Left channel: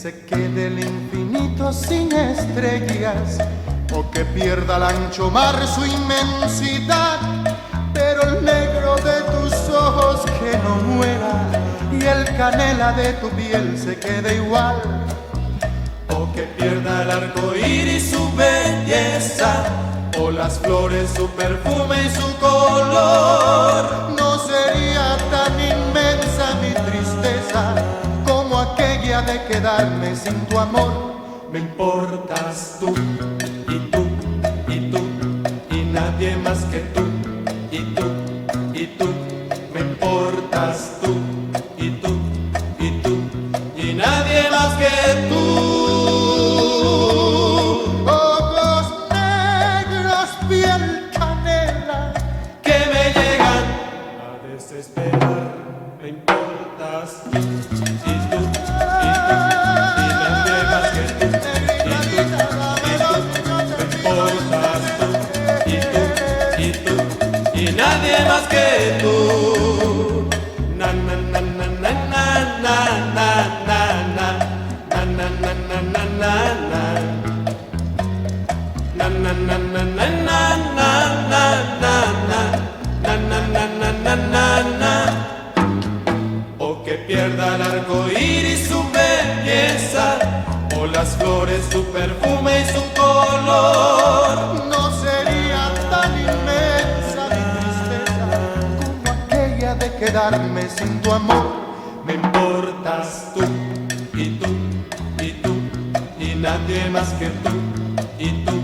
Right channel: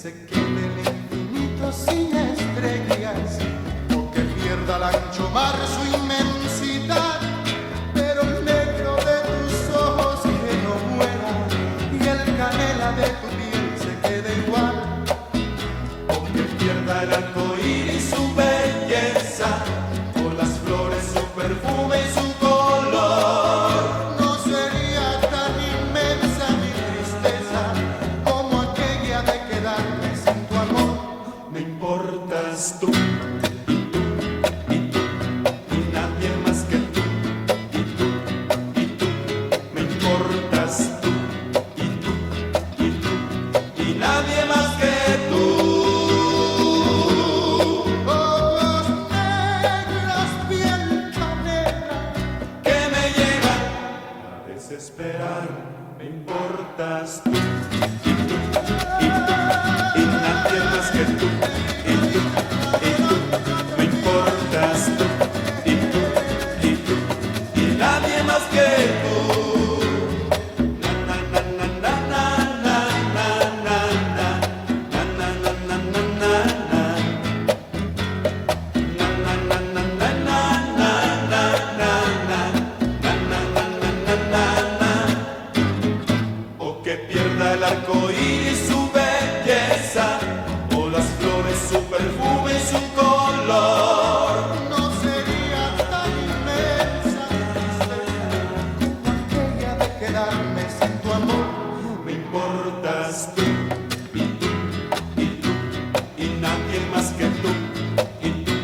se quede el infinito sin estrellas, o que pierda al ancho mar su inmensidad, pero el negro de tus ojos que no muera y el canela de tu piel se quede igual, o que pierda el arco iris su belleza, o las flores su perfume y su color. No sería tan inmensa mi tristeza como aquella de quedarme sin tu amor. Me importas tú, y tú, y tú, y nadie más que tú, y tú, y tú. Me importas tú, y tú, y tú, y nadie más que tú. Ojos negros, piel canela, que me llegan a desesperar. Me importas tú, y tú, y tú, y nadie más que tú, y tú, y tú. Me importas tú, y tú, y tú, y nadie más que tú. Na na na na na na na na na na na na na na na na. Na na na na na na na na na na na. O que pierda el arco iris su belleza, o las flores su perfume y su color. No sería tan inmensa mi tristeza como aquella de quedarme sin tu amor. Me importas tú, y tú, y tú, y nadie más que tú, y tú.